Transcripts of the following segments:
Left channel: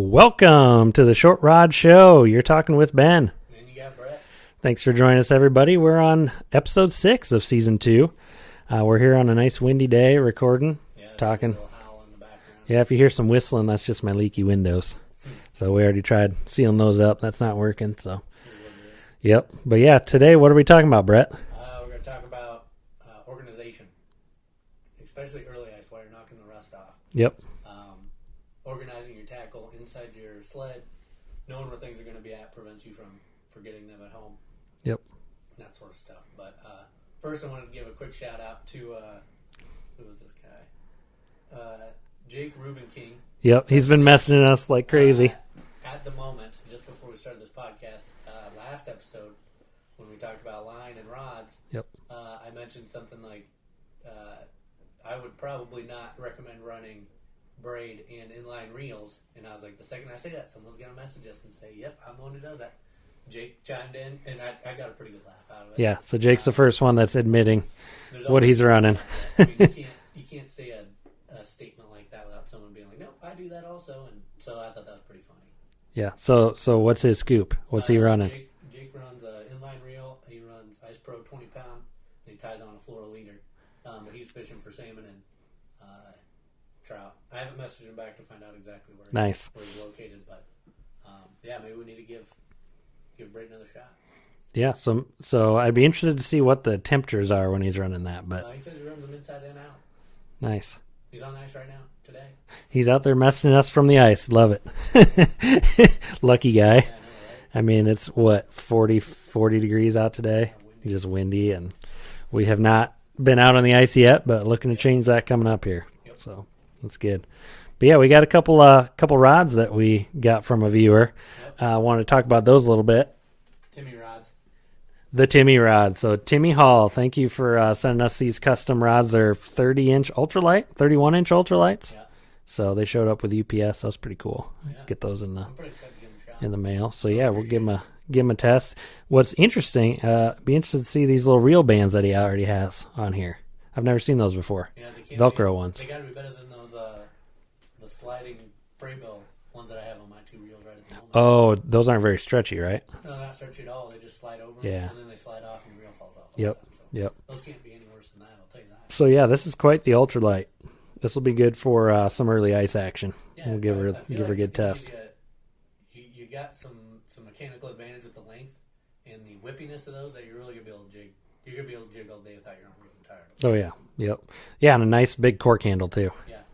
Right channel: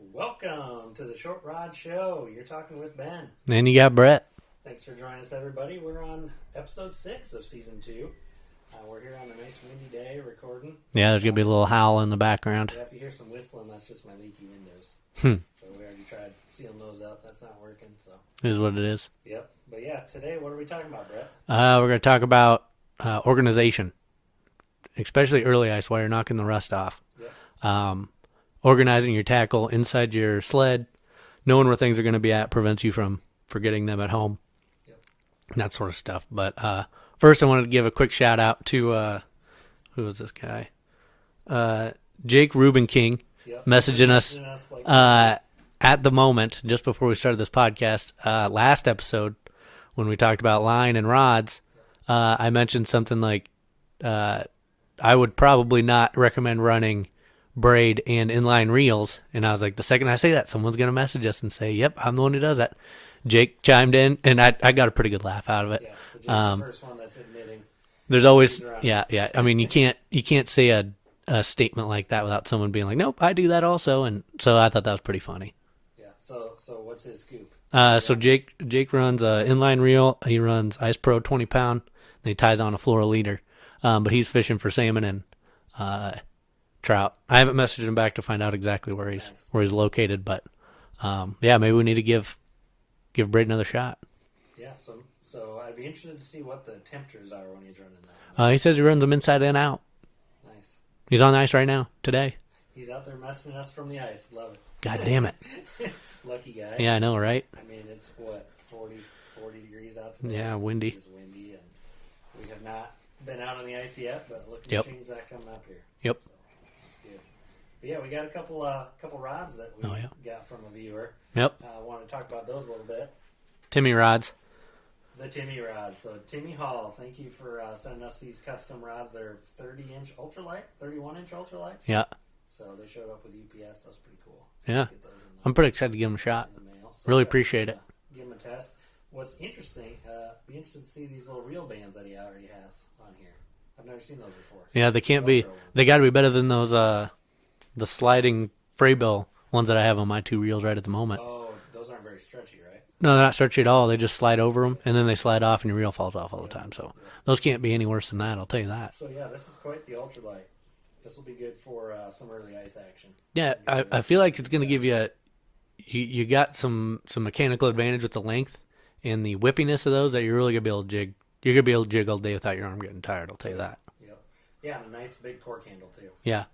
Welcome to the Short Rod Show. You're talking with Ben. And you got Brett. Thanks for joining us, everybody. We're on episode 6 of season 2. We're here on a nice windy day recording. Yeah, there's going to be a little howl in the background. Yeah, if you hear some whistling, that's just my leaky windows. So we already tried sealing those up. That's not working. So It is what it is. Yep. But yeah, today, what are we talking about, Brett? We're going to talk about organization, especially early ice while you're knocking the rust off. Yep. Organizing your tackle inside your sled, knowing where things are going to be at prevents you from forgetting them at home. Yep. That sort of stuff. But first, I wanted to give a quick shout out to who is this guy? Jake Rubin King. Yep. He's been messaging us like crazy. At the moment, just before we started this podcast, last episode when we talked about line and rods, Yep. I mentioned something like I would probably not recommend running braid and inline reels, and I was like, the second I say that, someone's gonna message us and say, "Yep, I'm the one who does that." Jake chimed in, and I got a pretty good laugh out of it. Yeah. So Jake's the first one that's admitting there's always what he's running. Yeah. I mean, you can't say a statement like that without someone being like, "Nope, I do that also." And so I thought that was pretty funny. Yeah. So what's his scoop? What's he so running? Jake runs inline reel. He runs Ice Pro 20 pound. And he ties on a floral leader, but he's fishing for salmon and trout. I haven't messaged him back to find out exactly where he's located, but yeah, maybe we need to give Braid another shot. Yeah, so I'd be interested to see what the temperatures are when he's running that. But he says he runs them inside and out. Nice. He's on the ice right now today. He's out there messaging us from the ice. Love it. God damn it. Lucky guy. Yeah, I know, right? I mean, it's what, 40 degrees out today? Yeah, windy. Just windy, and we have not been out on the ice yet, but looking to change that coming up here. Yep. So that's good. But yeah, we got a couple rods that we got from a viewer. Yep. I want to talk about those a little bit. Timmy rods. The Timmy rod. So Timmy Hall, thank you for sending us these custom rods. They're 30-inch ultralight, 31-inch ultralights. Yeah. So they showed up with UPS. That was pretty cool. Yeah. Get those in I'm pretty excited to give them a shot. in the mail. So really yeah, appreciate we'll it. give him a test. What's interesting, be interested to see these little reel bands that he already has on here. I've never seen those before. Yeah, they can't Velcro be. ones. They got to be better than those the sliding Fraybill ones that I have on my 2 reels right at the moment. Oh, those aren't very stretchy, right? No, they're not stretchy at all. They just slide over them, Yeah. and then they slide off, and your reel falls off all the time. So those can't be any worse than that, I'll tell you that. So yeah, this is quite the ultralight. This will be good for some early ice action. Yeah, I feel like it's going to give you you got some mechanical advantage with the length and the whippiness of those that you're really going to be able to jig. You're going to be able to jig all day without your arm getting tired. Oh yeah, yep. Yeah, and a nice big cork handle too. Yeah.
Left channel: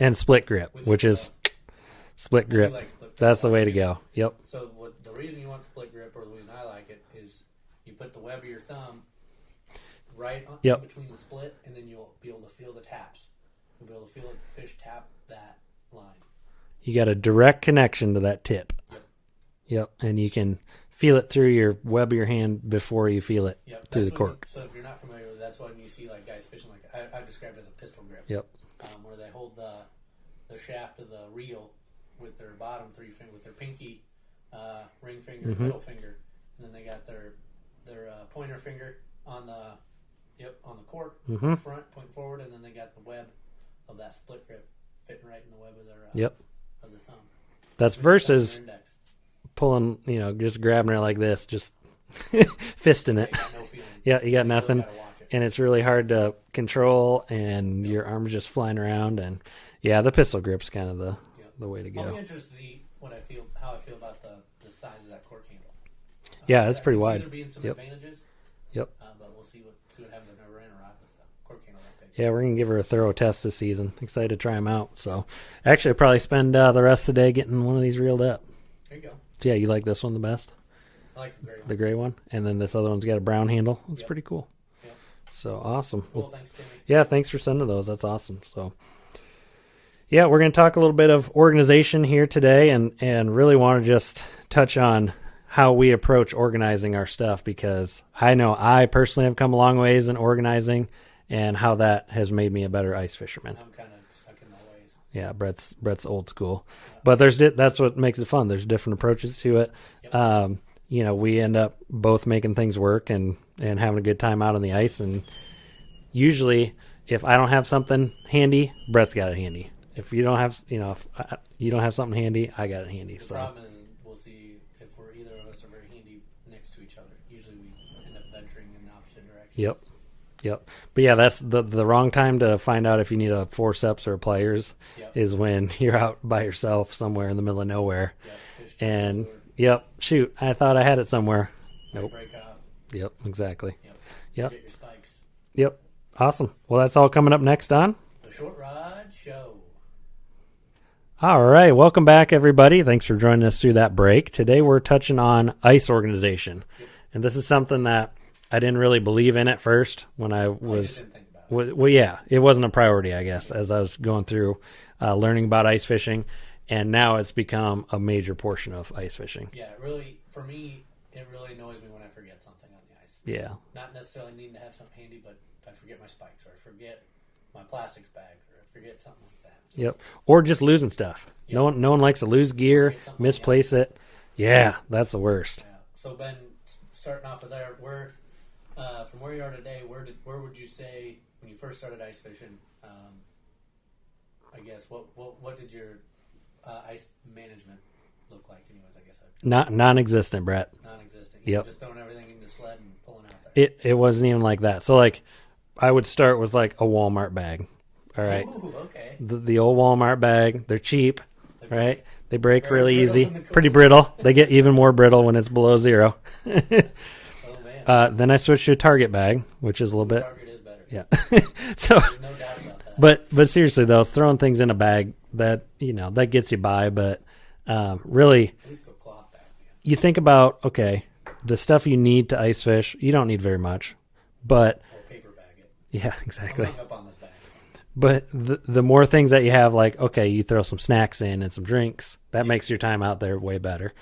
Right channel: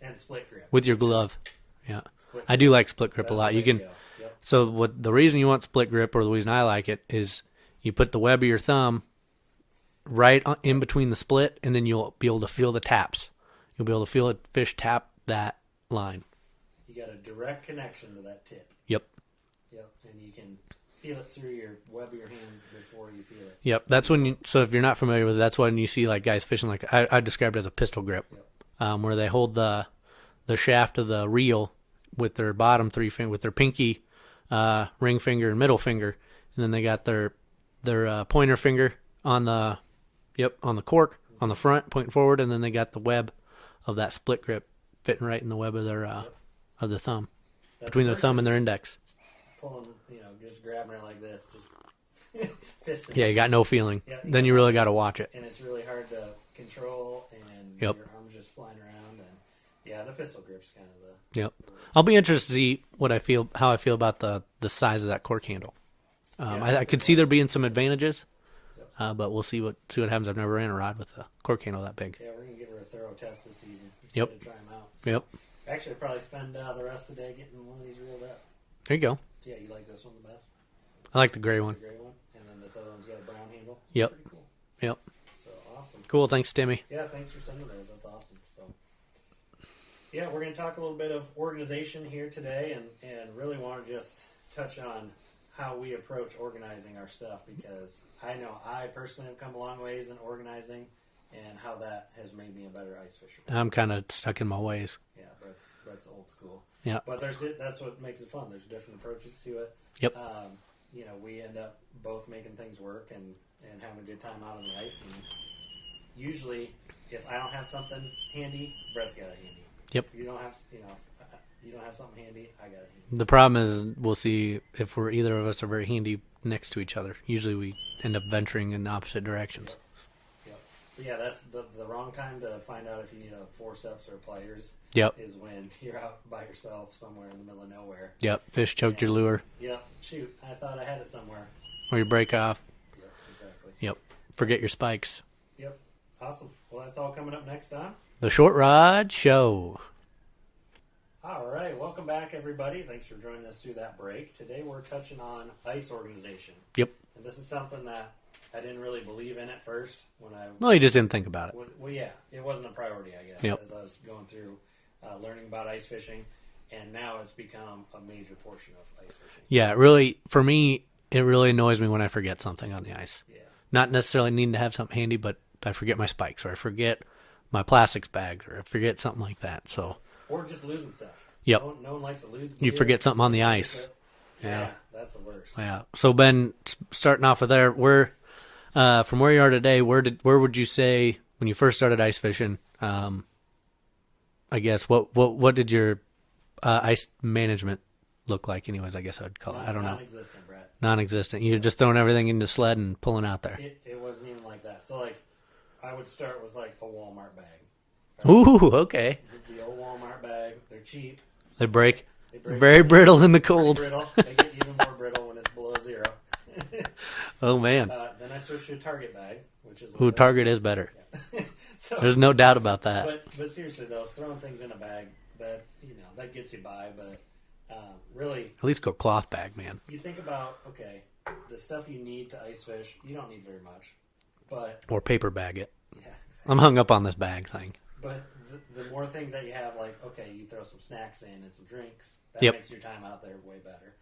And split grip. With your glove. Yeah. Split grip. I do like split grip That's a lot. the way to go. Yep. So the reason you want split grip, or the reason I like it, is you put the web of your thumb right in between the split, and then you'll be able to feel the taps. You'll be able to feel a fish tap that line. You got a direct connection to that tip. Yep. And you can feel it through your web of your hand before you feel it. Yep. That's when. So if you're not familiar with it, that's when you see like guys fishing like I described it as a pistol grip. Yep. Where they hold the shaft of the reel with their bottom 3 finger, with their pinky, ring finger, and middle finger, and then they got their pointer finger on the cork on the front, pointing forward, and then they got the web of that split grip fitting right in the web of their of the thumb. That's between versus their thumb and their index. Pulling, just grabbing it like this, just fisting it. Yeah, you got no feeling. Yeah, then you really got to watch it, and it's really hard to control, and your arm's just flying around, and the pistol grip's kind of the way to go. I'll be interested to see how I feel about the size of that cork handle. I could see there being some advantages. Yep. But we'll see what happens. I've never ran a rod with a cork handle that big. Yeah, we're gonna give her a thorough test this season. Excited to try them out. So, actually, I'll probably spend the rest of the day getting one of these reeled up. There you go. So, yeah, you like this one the best? I like the gray one. The gray one, and then this other one's got a brown handle. It's pretty cool. Yep. So awesome. Cool. Thanks, Timmy. Yeah, thanks for sending those. That's awesome. So, yeah, we're gonna talk a little bit of organization here today, and really want to just touch on how we approach organizing our stuff, because I know I personally have come a long ways in organizing, and how that has made me a better ice fisherman. I'm kind of stuck in my ways. Yeah, Brett's old school. Yeah, but that's what makes it fun. There's different approaches to it. Yep. We end up both making things work and having a good time out on the ice. And usually, if I don't have something handy, Brett's got it handy. Yep. If you don't have, if you don't have something handy, I got it handy. The problem is we'll see if either of us are very handy next to each other. Usually we end up venturing in opposite directions. Yep. But yeah, that's the wrong time to find out if you need a forceps or pliers. Yep. Is when you're out by yourself somewhere in the middle of nowhere. Yep. Fish jumped your lure. Yep. Shoot, I thought I had it somewhere. Or you break off. Yep. Exactly. Yep. Forget your spikes. Yep. Awesome. Well, that's all coming up next on The Short Rod Show. All right. Welcome back, everybody. Thanks for joining us through that break. Today we're touching on ice organization. Yep. And this is something that I didn't really believe in at first when you just didn't think about it. Well, yeah, it wasn't a priority, I guess, Yep. as I was going through learning about ice fishing, and now it's become a major portion of ice fishing. Yeah, really, for me, it really annoys me when I forget something on the ice. Yeah. Not necessarily needing to have something handy, but I forget my spikes, or I forget my plastics bag, or I forget something like that. So, Yep. Or just losing stuff. Yep. No one likes to lose gear. You forget something on the misplace ice. it. Yeah, that's the worst. yeah. So Ben, starting off with there, from where you are today, where would you say when you first started ice fishing? I guess what did your ice management look like? Anyways, I guess I'd call it. Non-existent, Brett. Non-existent. You Yep. just throwing everything into the sled and pulling out there. It wasn't even like that. So like, I would start with like a Walmart bag. All right? Ooh, okay. The old Walmart bag. They're cheap. They break. Right? They break Very really brittle easy. in the cold. Pretty brittle. They get even more brittle when it's below zero. Oh man. Then I switched to a Target bag, which is a little bit. Target is better. Yeah. So, There's no doubt about that. but seriously though, throwing things in a bag that that gets you by, but really, at least go cloth bag, man. you think about the stuff you need to ice fish. You don't need very much, but Or paper bag it. yeah, exactly. I'm hung up on this bag thing. But the more things that you have, like, you throw some snacks in and some drinks, that Yep. makes your time out there way better.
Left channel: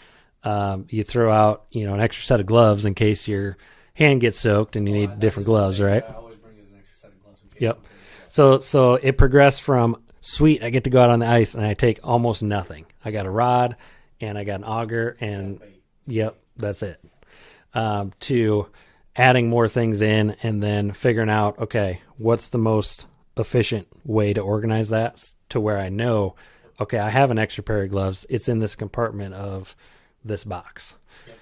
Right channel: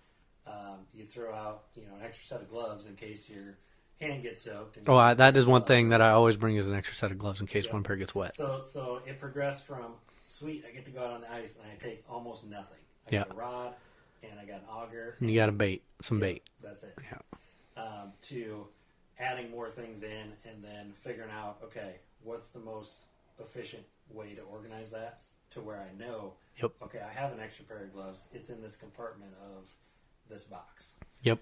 You throw out, an extra set of gloves in case your hand gets soaked and you need That different is one gloves, thing right? that I always bring is an extra set of gloves in case Yep. one pair gets wet. So it progressed from, sweet, I get to go out on the ice and I take almost nothing. I got Yep. a rod and I got an auger and you got a bait. Some Yep, bait. that's it. Yeah. To adding more things in and then figuring out, what's the most efficient way to organize that to where I know, Yep. I have an extra pair of gloves. It's in this compartment of this box. Yep.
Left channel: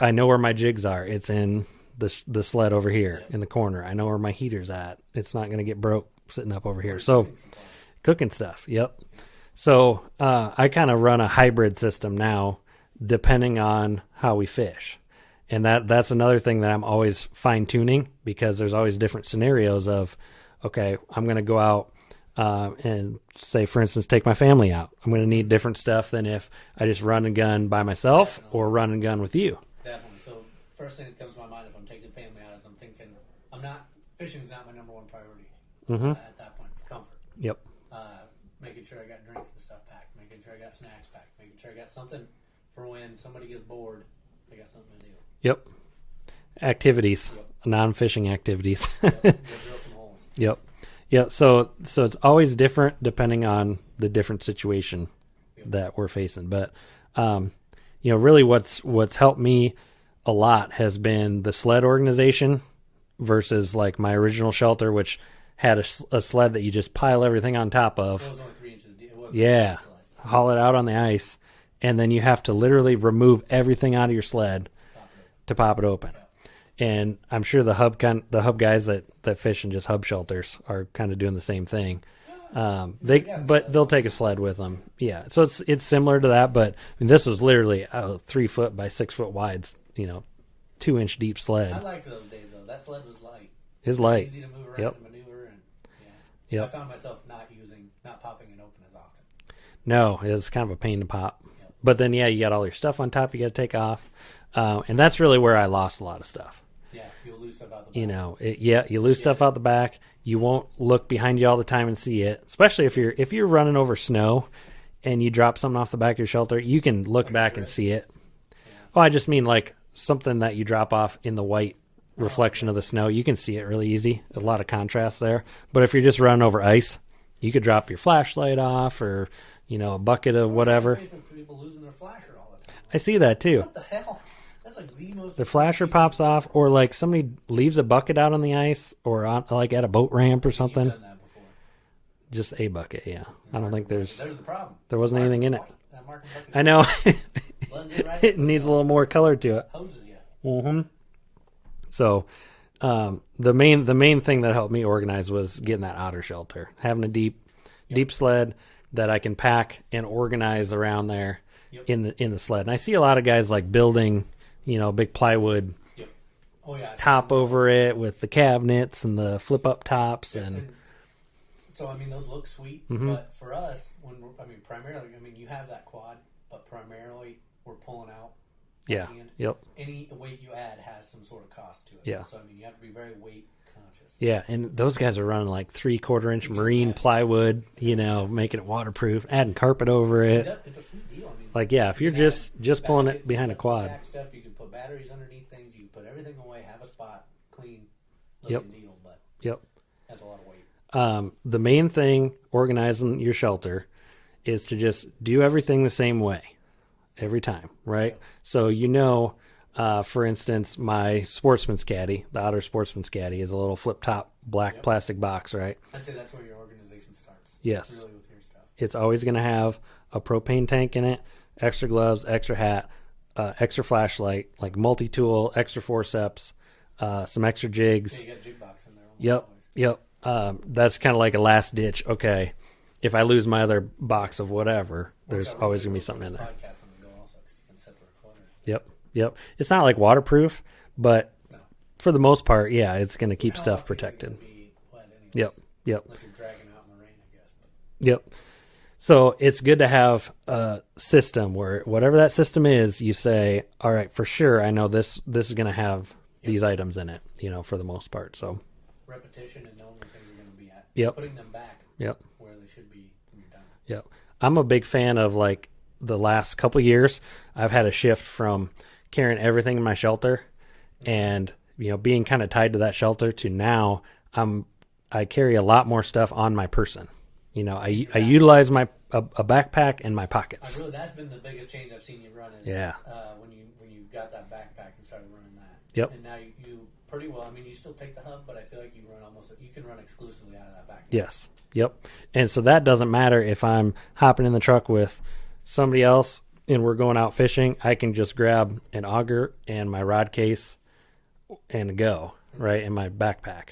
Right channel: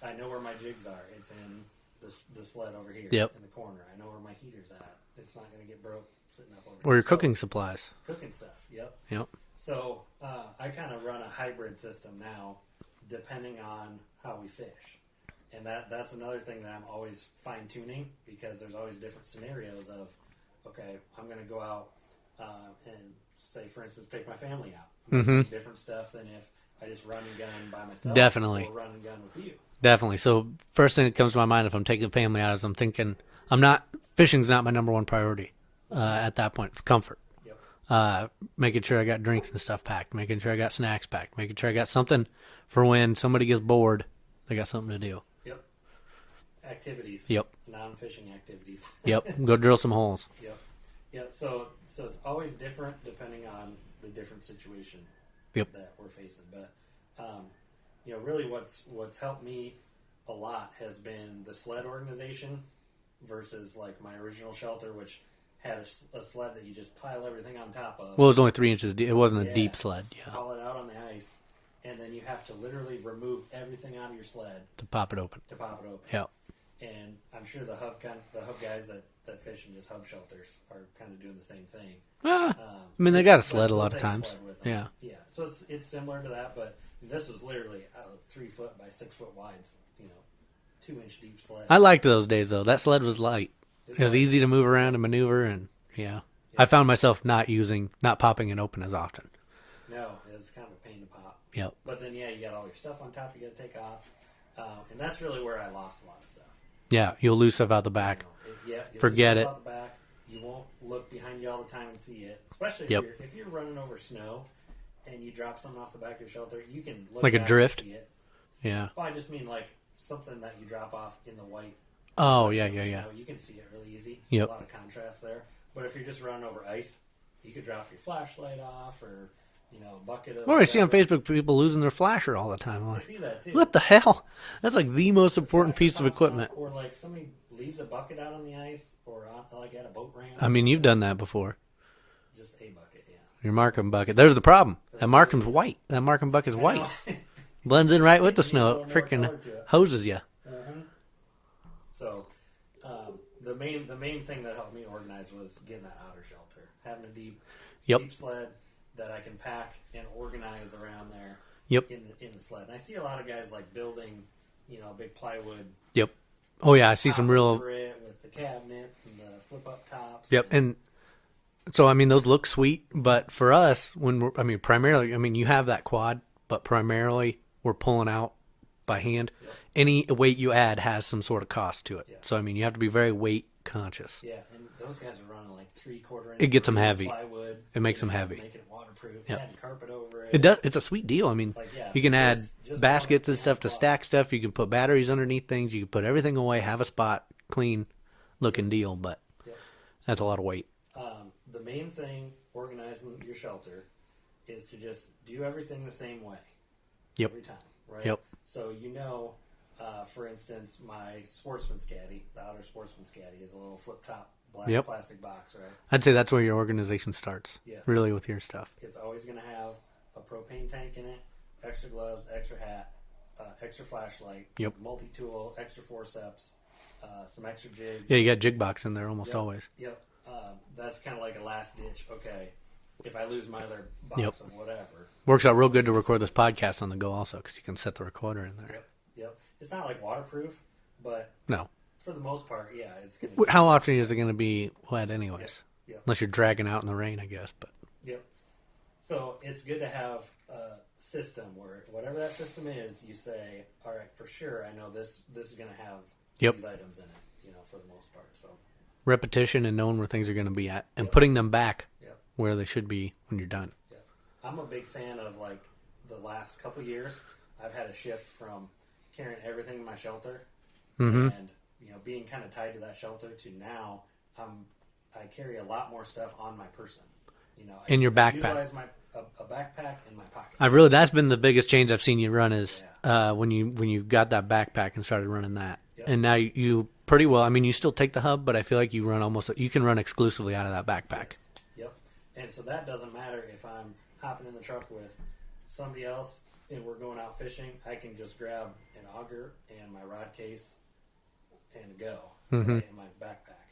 I know where my jigs are. It's in the sled over here Yep. in the corner. I know where my heater's at. It's not going to get broke sitting up over here. Or your cooking supplies. Cooking stuff. Yep. Yep. So I kind of run a hybrid system now, depending on how we fish, and that's another thing that I'm always fine tuning because there's always different scenarios of, I'm going to go out and say, for instance, take my family out. I'm going to need different stuff than if I just run and gun by myself, Definitely. or run and gun with you. Definitely. So first thing that comes to my mind if I'm taking the family out is I'm thinking fishing's not my number one priority at that point. It's comfort. Yep. Making sure I got drinks and stuff packed, making sure I got snacks packed, making sure I got something for when somebody gets bored, they got something to do. Yep. Activities. Yep. Non-fishing activities. Yep. Go drill some holes. Yep. Yep. So it's always different depending on the different situation that we're facing. But really what's helped me a lot has been the sled organization versus like my original shelter, which had a sled that you just pile everything on top of. Well, it was only 3 inches deep. It wasn't a deep sled. Yeah. Haul it out on the ice, and then you have to literally remove everything out of your sled To pop it open. Yeah. Yeah. And I'm sure the hub guys that fish in just hub shelters are kind of doing the same thing. They got a sled. but a they'll lot take of a sled times. with them. Yeah. Yeah. So it's similar to that, but this was literally a 3 foot by 6 foot wide, 2-inch deep sled. I liked those days though. That sled was light. It was light. easy to move around Yep. and maneuver, and yeah. Yep. I found myself not popping it open as often. No, it's kind of a pain to pop. Yep. But then you got all your stuff on top you got to take off, and that's really where I lost a lot of stuff. Yeah, you'll lose stuff out the back. You lose stuff out the back. You won't look behind you all the time and see it, especially if you're running over snow and you drop something off the back of your shelter. You can look Like a back and drift? see it. Yeah. Oh, I just mean like something that you drop off in the white reflection of the yeah. snow. You can see it really easy. There's Yep. a lot of contrast there. But if you're just running over ice, you could drop your flashlight off or a bucket of Or I see on whatever. Facebook people losing their flasher all the time. I'm I like, see that too. what the hell? That's like the most The important flasher piece of pops off, equipment. or like somebody leaves a bucket out on the ice, or on like at a boat ramp. I Or mean, something. you've done that before. Just a bucket, yeah. Your I don't marking think bucket. There's the problem. there That wasn't anything marking's in it. white. That marking bucket's I white. know. Blends in right with the It snow. needs a little more Frickin' color to it. Hoses you. Mm-hmm. So, the main thing that helped me organize was getting that otter shelter, having a deep sled that I can pack and organize around there. Yep. In the sled, and I see a lot of guys like building, big plywood. Yep. Oh yeah, I see top some real. over it with the cabinets and the flip up tops. Yep. And so I mean, those look sweet, but for us, primarily, you have that quad, but primarily we're pulling out by hand. Yep. Any weight you add has some sort of cost to it. Yeah. So you have to be very weight conscious. Yeah, and those guys are running like 3/4 inch It gets them marine heavy. plywood. It makes them heavy. Making it waterproof, adding carpet over it. It's a sweet deal. Like if you you're can just add pulling it baskets and behind stuff a to quad. stack stuff. You can put batteries underneath things. You can put everything away. Have a spot, clean looking deal. But Yep. that's a lot of weight. The main thing organizing your shelter is to just do everything the same way every time, right? Yep. So for instance, my sportsman's caddy, the Otter sportsman's caddy, is a little flip top black plastic box, right? I'd say that's where your organization starts. Yes. Really with your stuff. It's always going to have a propane tank in it, extra gloves, extra hat, extra flashlight, like multi-tool, extra forceps, some extra jigs. Yeah, you got jig box in there almost always. Yep. That's kind of like a last ditch. Okay, if I lose my other box of whatever, Works there's out real always good to gonna be record this something podcast on the go also because you can set the recorder in there. Yep. It's not like waterproof, but No. for the most part, yeah, it's going to keep. How stuff often is it protected. going to be wet anyways? Yep. Unless you're dragging out in the rain, I guess. But Yep. So it's good to have a system where whatever that system is, you say, all right, for sure, I know this is going to have these items in it, for the most part. So repetition and knowing where things are going to be at and Yep. putting them back Yep. where they should be when you're done. Yep. I'm a big fan of like the last couple years. I've had a shift from carrying everything in my shelter and being kind of tied to that shelter to now I carry a lot more stuff on my person. I utilize my a backpack and my pockets. That's been the biggest change I've seen you run is when you got that backpack and started running that. Yep. And now you pretty well. You still take the hub, but I feel like you can run exclusively out of that backpack. Yes. Yep. And so that doesn't matter if I'm hopping in the truck with somebody else and we're going out fishing. I can just grab an auger and my rod case and go right in my backpack.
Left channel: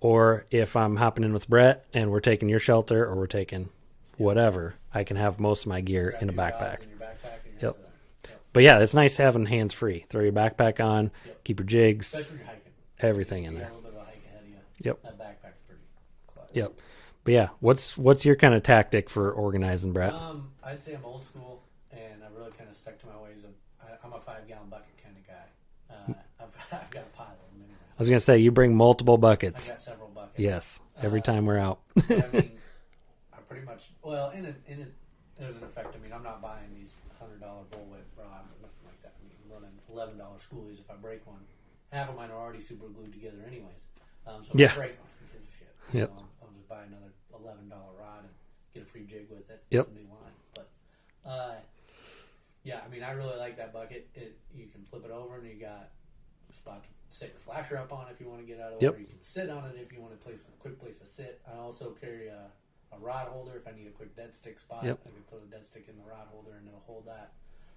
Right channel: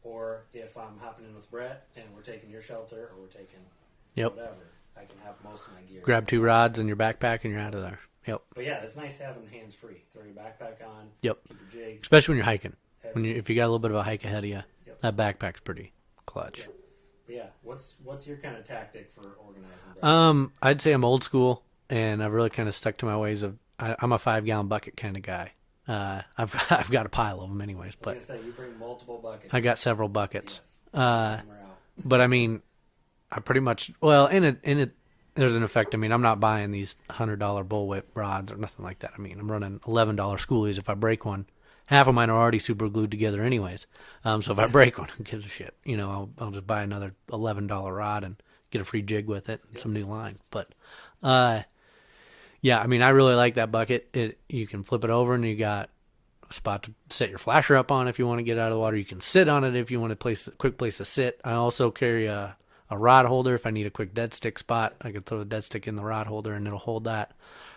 Or if I'm hopping in with Brett and we're taking your shelter or we're taking whatever, I can have most of my gear. Grab in two a backpack. rods in your backpack and you're out of there. Yep. But yeah, it's nice having hands free. Throw your backpack on. Yep. Keep your jigs. Especially when you're hiking. Everything. If you got a little bit of a hike ahead of you, Yep. that backpack's pretty clutch. Yep. But yeah, what's your kind of tactic for organizing, Brett? I'd say I'm old school, and I've really kind of stuck to my ways of. I'm a 5-gallon bucket kind of guy. I've got a pile of them anyways. I was gonna say you bring multiple buckets. I got several buckets. Yes. Every time we're out. But I pretty much in it. There's an effect. I'm not buying these $100 bullwhip rods or nothing like that. I'm running $11 schoolies. If I break one, half of mine are already super glued together anyways. So if I break one, who gives a shit? I'll just buy another $11 rod and get a free jig with it, some new line. But yeah, I really like that bucket. You can flip it over and you got a spot to set your flasher up on if you want to get out of the water. You can sit on it if you want a quick place to sit. I also carry a rod holder if I need a quick dead stick spot. I can throw the dead stick in the rod holder and it'll hold that.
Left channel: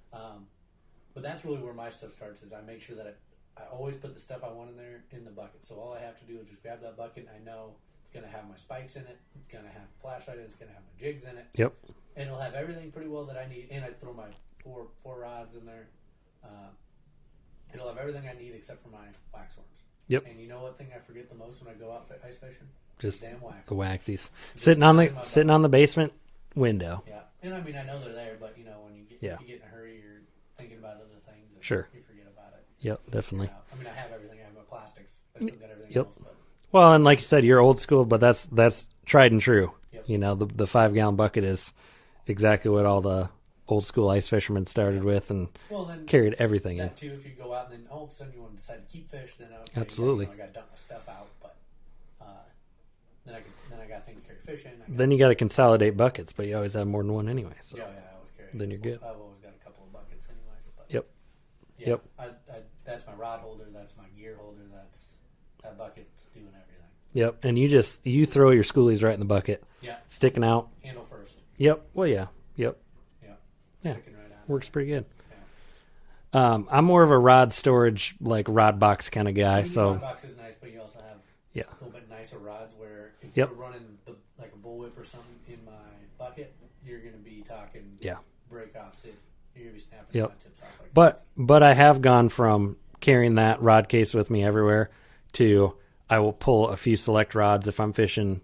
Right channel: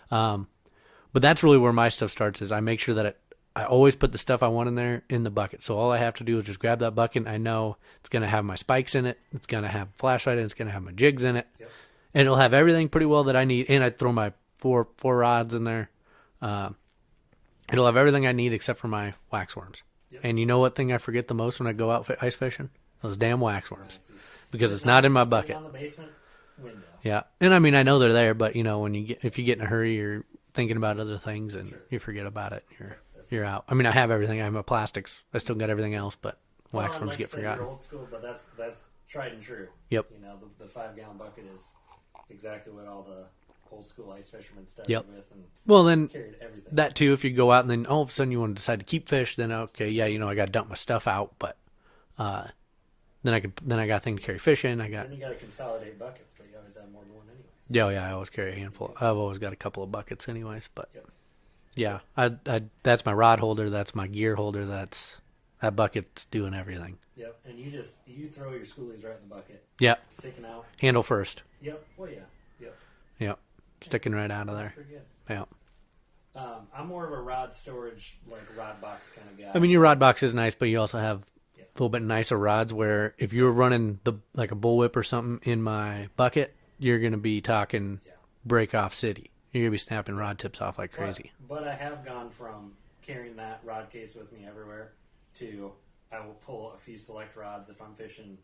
But that's really where my stuff starts is I make sure that I always put the stuff I want in there in the bucket. So all I have to do is just grab that bucket. I know it's going to have my spikes in it. It's going to have a flashlight and it's going to have my jigs in it. Yep. And it'll have everything pretty well that I need. And I throw my four rods in there. It'll have everything I need except for my waxworms. Yep. And you know what thing I forget the most when I go out ice fishing? Those damn waxworms. Waxies. Because it's not in my bucket. Sitting on the basement window. Yeah. And I know they're there, but when you if you get in a hurry, you're thinking about other things and you forget about it. Definitely. You're out. I have everything. I have my plastics. I still got everything else, but well, and like you said, you're old school, but that's tried and true. Yep. The 5-gallon bucket is exactly what all the old school ice fishermen started with, and then carried everything. That too, if you go out and then all of a sudden you want to decide to keep fish, then okay, Absolutely. I got to dump my stuff out, but then I got a thing to carry fish in. Then you got to consolidate buckets, but you always have more than one anyways. Yeah, I always carry a handful. I've always got a couple of buckets anyways, but Yep. Yeah, I that's my rod holder. That's my gear holder. that bucket's doing everything. Yep. And you throw your schoolies right in the bucket. Yep. Sticking out. Handle first. Yep. Well, yeah. Yep. Yep. Yeah. Sticking right out of Works there. pretty good. Yeah. I'm more of a rod storage, like rod box kind of guy. I mean, your rod box is nice, but you also have Yeah. a little bit nicer rods where if you're running like a bullwhip or something in my bucket, you're going to be talking break off city. You're going to be snapping rod tips off like crazy. But I have gone from carrying that rod case with me everywhere to I will pull a few select rods if I'm fishing,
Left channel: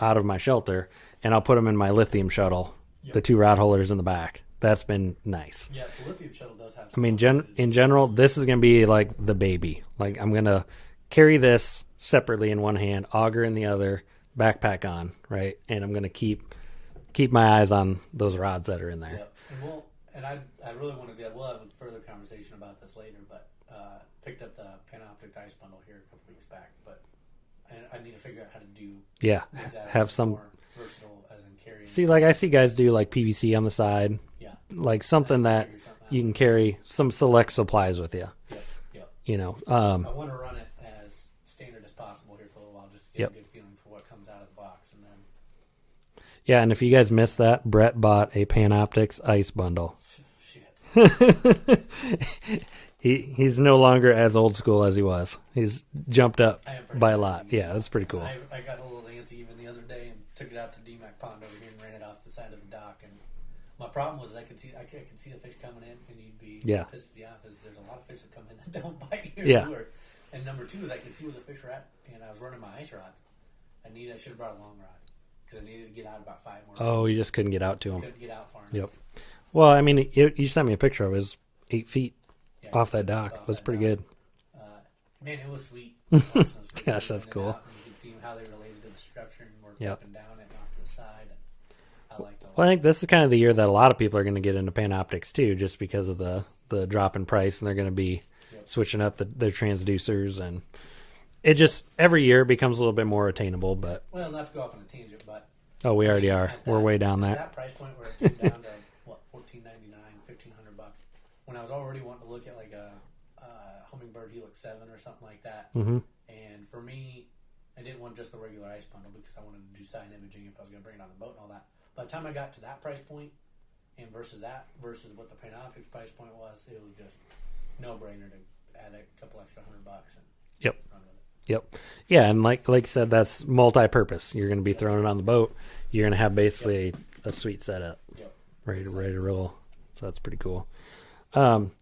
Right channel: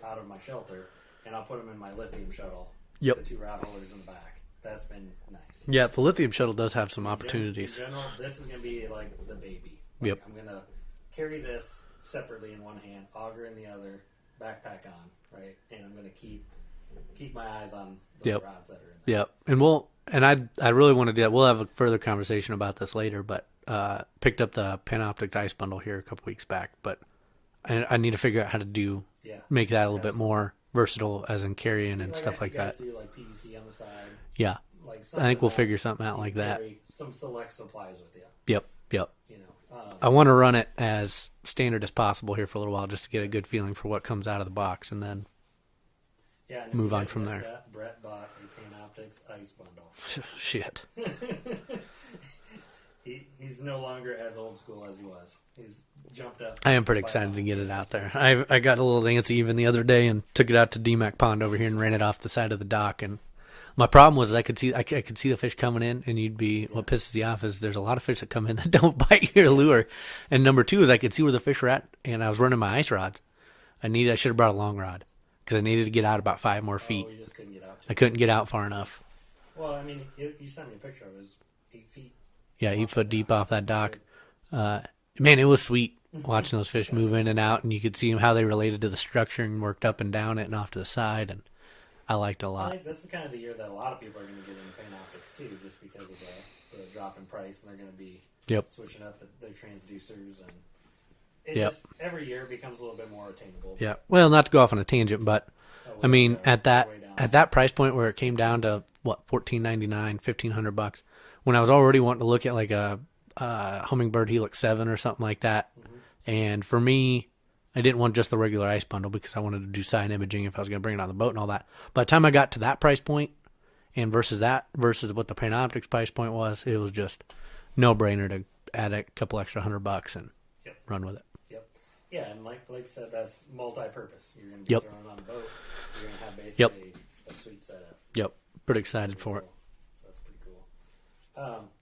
out of my shelter, and I'll put them in my lithium shuttle, the 2 rod holders in the back. That's been nice. Yeah, the lithium shuttle does have some opportunities. In general, this is going to be like the baby. Like I'm going to carry this separately in one hand, auger in the other, backpack on, right? And I'm going to keep my eyes on those rods that are in there. Yep. And I really want to do that. We'll have a further conversation about this later, but picked up the Panoptix ice bundle here a couple weeks back, but I need to figure out how to make that a little bit more versatile as in carrying. See, like I see guys do like PVC on the side. Yeah. Like something we'll that figure something out you like can carry some select supplies with you. Yep. I want to run it as standard as possible here for a little while just to get a good feeling for what comes out of the box, and then yeah, and if you guys missed that, Brett bought a Panoptix ice bundle. Shit. He's no longer as old school as he was. He's jumped up. I am pretty excited to get it out there. Cool. I got a little antsy even the other day and took it out to DMAC Pond over here and ran it off the side of the dock. And my problem was I could see the fish coming in, and you'd be what pisses you off is there's a lot of fish that come in that don't bite your lure. And number 2 is I could see where the fish were at, and I was running my ice rods. I should have brought a long rod because I needed to get out about 5 more feet. Oh, you just couldn't get out to him. I couldn't get out far enough. Well, I mean, you sent me a picture of it. It was 8 feet. Yeah, 8 foot deep off that dock. Man, it was sweet watching those fish move in and out, and you could see how they related to the structure and worked up and down it and off to the side, and I liked it a lot. Well, I think this is kind of the year that a lot of people are going to get into Panoptix too, just because of the drop in price, and they're going to be switching up their transducers, and it just every year becomes a little bit more attainable. But well, not to go off on a tangent, but I mean, are. At that We're way down at that price point where it came down to what $14.99, $1,500, when I was already wanting to look at like a Hummingbird Helix 7 or something like that, and for me, I didn't want just the regular ice bundle because I wanted to do side imaging if I was going to bring it on the boat and all that. By the time I got to that price point, and versus what the Panoptix price point was, it was just no brainer to add a couple extra $100 and run with it. Yeah, and like you said, that's multi-purpose. You're going to be throwing it on the boat. You're going to have basically a sweet setup. Pretty excited for it. So that's pretty cool.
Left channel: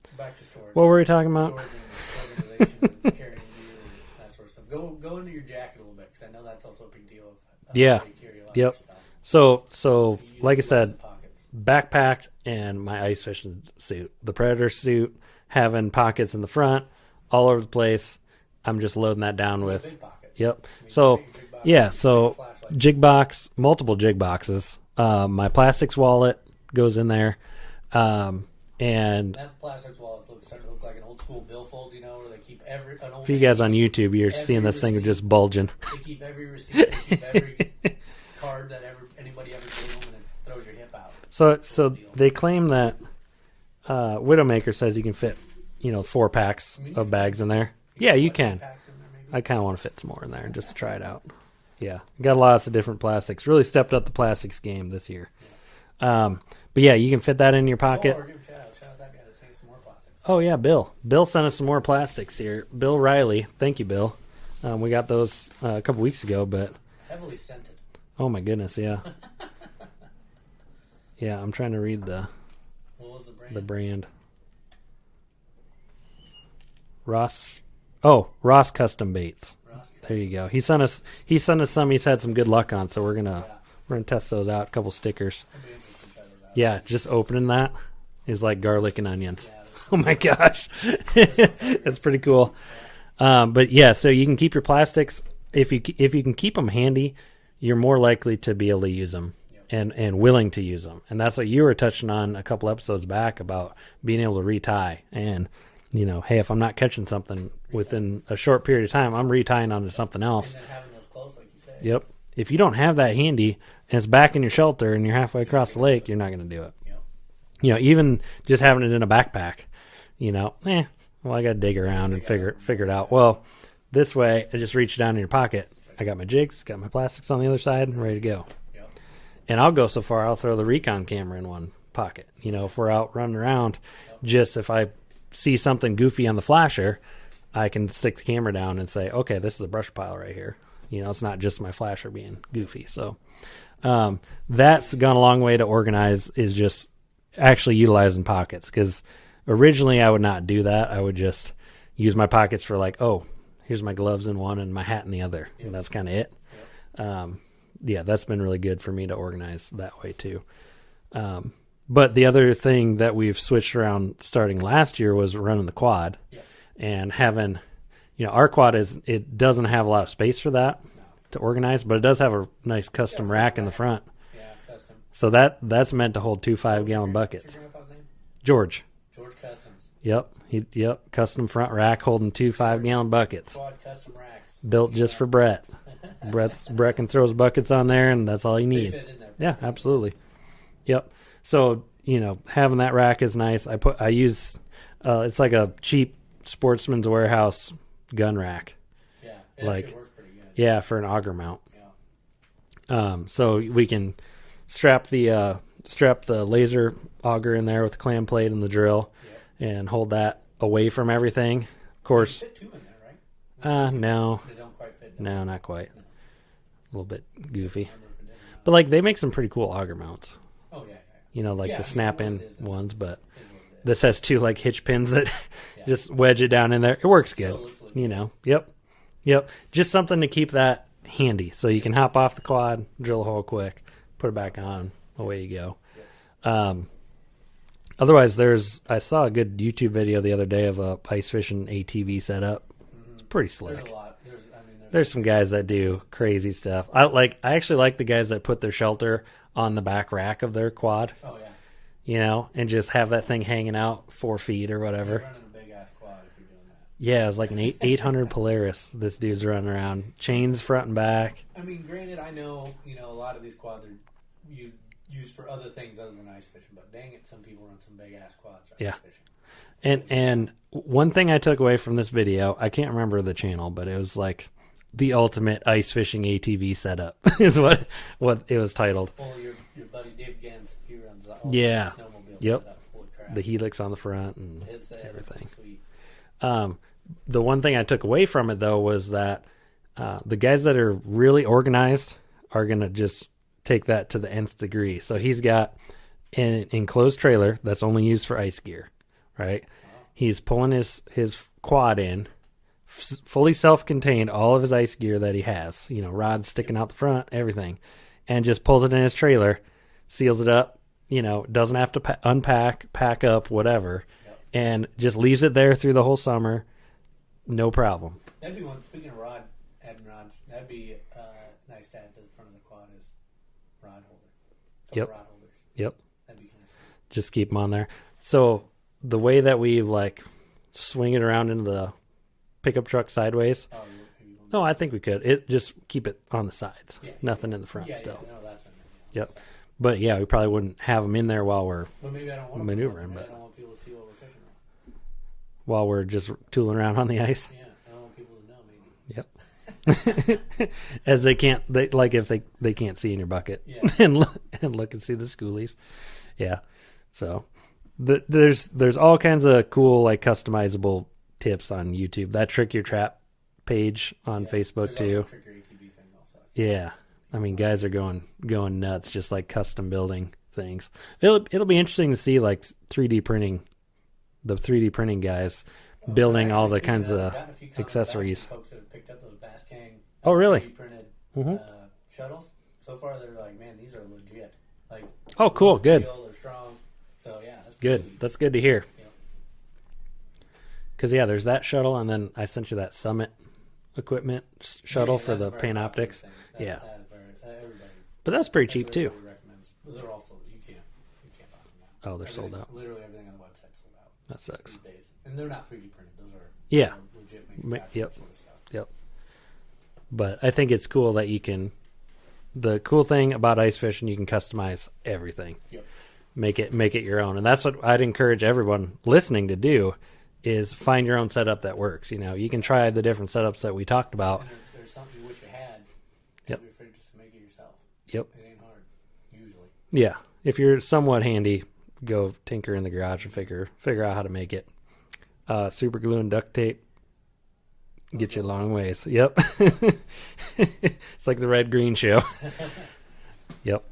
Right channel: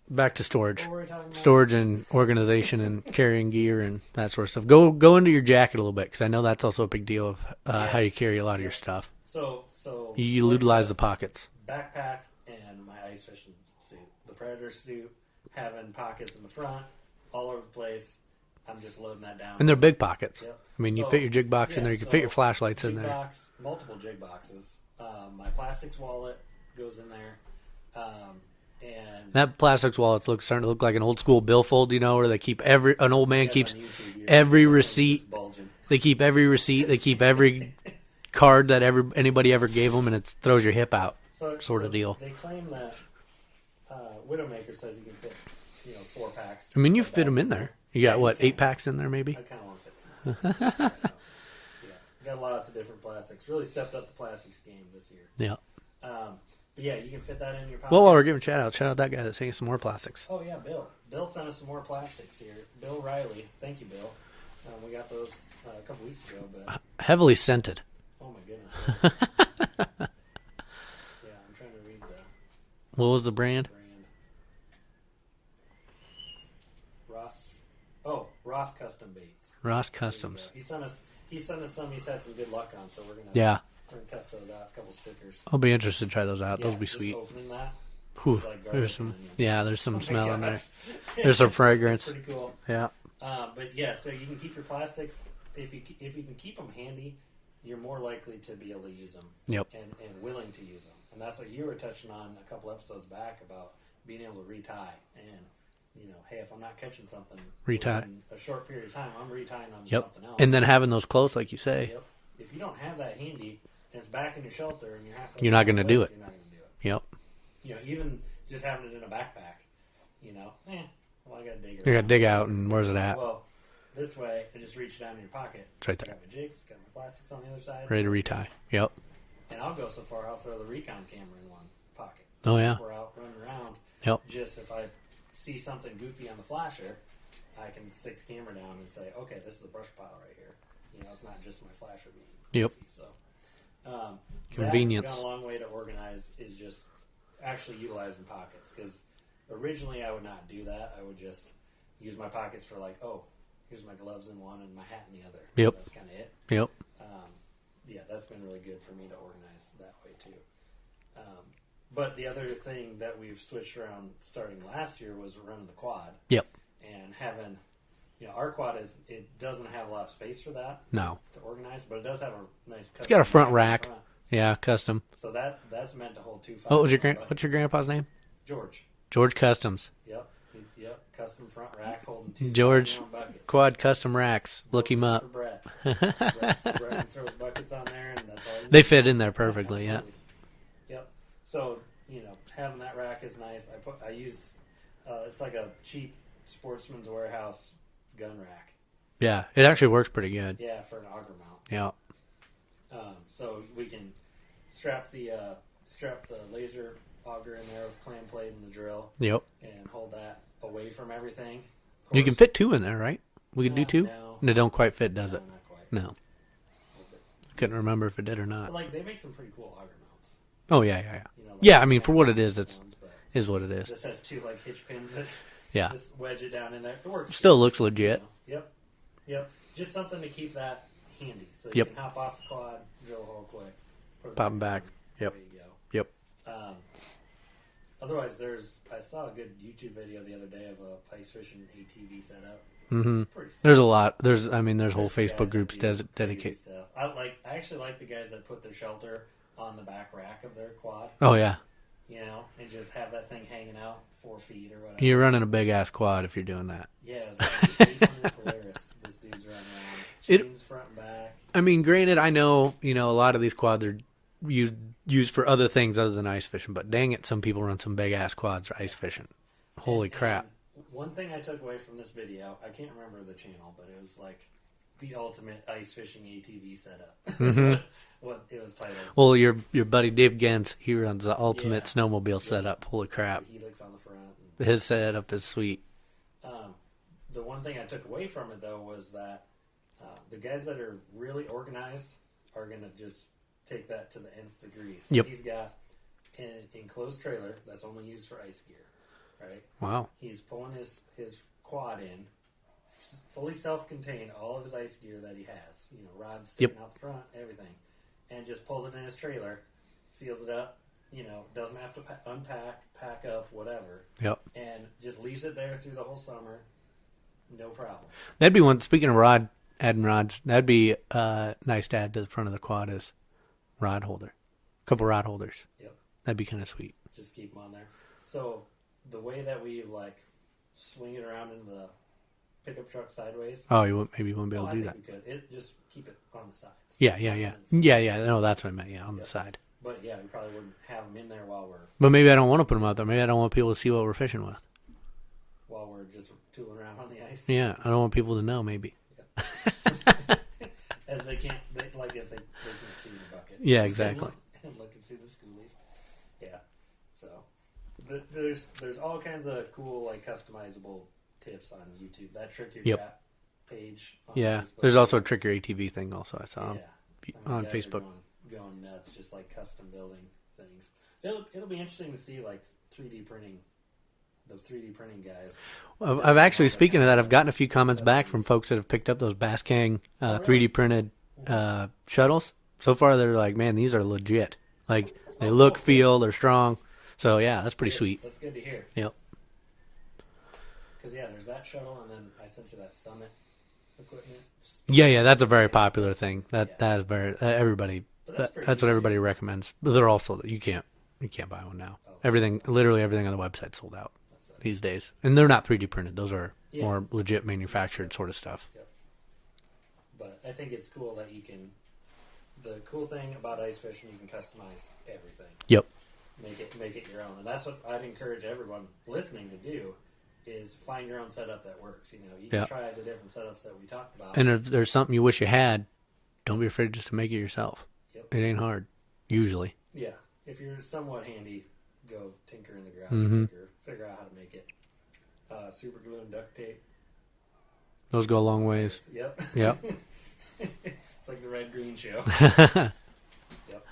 Back to storage. What were we talking about? Storage and organization and carrying gear and that sort of stuff. Go into your jacket a little bit because I know that's also a big deal of how you carry a lot of your stuff. So you like utilize I said, the pockets. Backpack and my ice fishing suit, the Predator suit, having pockets in the front, all over the place. I'm just loading that down. And they're big pockets. Yep. I mean, you fit your jig box in there, you can fit your flashlights jig box, multiple jig boxes. My plastics wallet goes in there. And that plastics wallet's starting to look like an old school billfold, where they keep an old man you guys keeps on YouTube, you're every seeing this receipt thing just bulging. They keep every receipt. They keep every card that anybody ever gave them, and it throws your hip out. So deal. They claim that Widowmaker says you can fit 4 packs of bags in there. You you can 8 packs in there maybe. I kind of want to fit some more in there just to try it out. Yeah, got lots of different plastics. Really stepped up the plastics game this year. Yeah. But yeah, you can fit that in your pocket. Well, we're giving shout out that guy that sent us some more plastics. Oh yeah, Bill. Bill sent us some more plastics here. Bill Riley, thank you, Bill. We got those a couple weeks ago, but heavily scented. Oh my goodness, yeah. Yeah, I'm trying to read the. What was the brand? The brand. Ross Custom Baits. Ross Customs. There you go. He sent us some. He's had some good luck on, so we're gonna test those out. A couple stickers. I'll be interested to try those out. Yeah, just sweet. Opening that is like garlic and onions. Yeah, there's some. Oh my gosh, there's some fragrance. It's pretty cool. Yeah. But yeah, so you can keep your plastics if you can keep them handy. You're more likely to be able to use them and willing to use them, and that's what you were touching on a couple episodes back about being able to retie and. Hey, if I'm not catching something within a short period of time, I'm retying onto something else. And then having those close, like you say. Yep. If you don't have that handy and it's back in your shelter and you're halfway across the lake, you're not going to do it. Yep. Even just having it in a backpack, well, I got to dig around and figure it out. Well, This way, I just reach down in your pocket. Right I there. got my jigs, got my plastics on the other side, Ready and to ready to go. retie. Yep. And I'll go so far, I'll throw the recon camera in one pocket. You know, yeah. if we're out running around, Yep. just if I see something goofy on the flasher, I can stick the camera down and say, okay, this is a brush pile right here. You know, it's not just my flasher being goofy. So that's Convenience. gone a long way to organize, is just actually utilizing pockets. Because originally I would not do that. I would just use my pockets for like, oh, here's my gloves in one and my hat in the other. Yep. And that's kind of it. Yep. Yeah, that's been really good for me to organize that way too. But the other thing that we've switched around starting last year was running the quad. Yep. And having, our quad it doesn't have a lot of space for that No. to organize, but it does have a nice custom got a front rack in the rack. front. Yeah, custom. So that's meant to hold 2 5-gallon buckets. What's your grandpa's name? George. George Customs. Yep. Custom front rack holding 2 George 5-gallon buckets. Quad custom racks. Built Look him just up. for Brett. Brett can throw his buckets on there, and that's all you need. They fit in there Yeah, perfectly. absolutely. Yep. So, having that rack is nice. I use it's like a cheap Sportsman's Warehouse gun rack. Yeah, it actually works pretty good. Yeah, for an auger mount. Yeah. So we can strap the laser auger in there with the clam plate and the drill. Yep. And hold that away from everything. Of course, You can fit 2 in there, right? We can do 2? No. They don't quite fit, does No, it? not quite. No. A little bit goofy. Couldn't remember if it did or not. But like they make some pretty cool auger mounts. Oh, yeah. Like Yeah, the I mean, for what it snapping is, it's ones, but is what it is. this has 2 like hitch pins that Yeah. just wedge it down in there. It works. Still good, looks legit. Yep. Just something to keep that handy, so you Yep. can hop off the quad, drill a hole quick, put it Pop back it back. on, Yep. away you go. Yep. Otherwise, I saw a good YouTube video the other day of a ice fishing ATV setup. Mm-hmm. Pretty slick. There's a lot. There's whole some guys that Facebook do groups crazy stuff. I actually like the guys that put their shelter on the back rack of their quad, Oh, yeah. and just have that thing hanging out 4 feet or whatever. You're running a big-ass quad if you're doing that. Yeah, it was like an 800 Polaris. This dude's running around, chains front and back. I mean, granted, I know, a lot of these quads are used for other things other than ice fishing, but dang it, some people run some big-ass quads for ice fishing. Holy crap. And one thing I took away from this video, I can't remember the channel, but it was like the ultimate ice fishing ATV setup is what it was titled. Well, your buddy Dave Gens, he runs the ultimate snowmobile Yep. setup. Holy crap. The helix on the front. And His setup is sweet. the one thing I took away from it, though, was that the guys that are really organized are going to just take that to the nth degree. So he's got an enclosed trailer that's only used for ice gear, right? Wow. He's pulling his quad in, fully self-contained, all of his ice gear that he has, rods sticking out the front, everything, and just pulls it in his trailer, seals it up, doesn't have to unpack, pack up, whatever, and just leaves it there through the whole summer, no problem. That'd be one. Speaking of adding rods, that'd be nice to add to the front of the quad is rod holder. Couple rod holders. Yep. That'd be kind of sweet. Just keep them on there. So the way that we swing it around into the pickup truck sideways. Oh, maybe you wouldn't be No, able to I do think that. we could. It just keep it on the sides. Yeah. Nothing in the front. Yeah. No, that's what I meant. Yeah, on the side. But yeah, we probably wouldn't have them in there while maybe I don't want to put them out there. Maybe I don't want people to see what we're fishing with. we're just tooling around on the ice. Yeah, I don't want people to know. Maybe. Yep. As they can't, if they can't see in your bucket. Yeah. Exactly. and look and see the schoolies. Yeah. So there's all kinds of cool customizable tips on YouTube. That Trick Your Trap page on Facebook. There's too. also a Trick Your ATV thing. Also, I saw. Yeah. I mean, on guys Facebook. are going nuts, just custom building things. It'll be interesting to see 3D printing, the 3D printing guys. I've actually, all the speaking of kinds that, I've gotten a few comments back from accessories. folks that have picked up those Bass King really? 3D printed Mhm. shuttles. So far, they're like, man, these are legit. They Oh, look, cool, good. feel, they're strong. So yeah, that's pretty Good. sweet. That's good to hear. Yep. Because there's that shuttle, and then I sent you that Summit equipment. Yeah, that's a for the very Panoptics. popular thing. That Yeah. is very everybody. But that's pretty That's cheap what too. everybody recommends. But they're also you can't buy one now. Oh, they're everything, sold out. literally everything on the website sold out That sucks. these days, and they're not 3D printed. Those are Yeah. more legit manufactured Yep. sort of stuff. Yep. But I think it's cool that you can. The cool thing about ice fishing, you can customize everything. Yep. Make it your own, and that's what I'd encourage everyone listening to do. is find your own setup that works. You know, you can Yeah. try the different setups that we talked about. And if there's something you wish you had, don't Yep. be afraid just to make it yourself. Yep. It ain't hard, usually. Yeah. If you're somewhat handy, go tinker in the garage and Mhm. figure out how to make it. Super glue and duct tape. Those Get go you a long ways. Yep. Yep. It's like the red green show. Yep.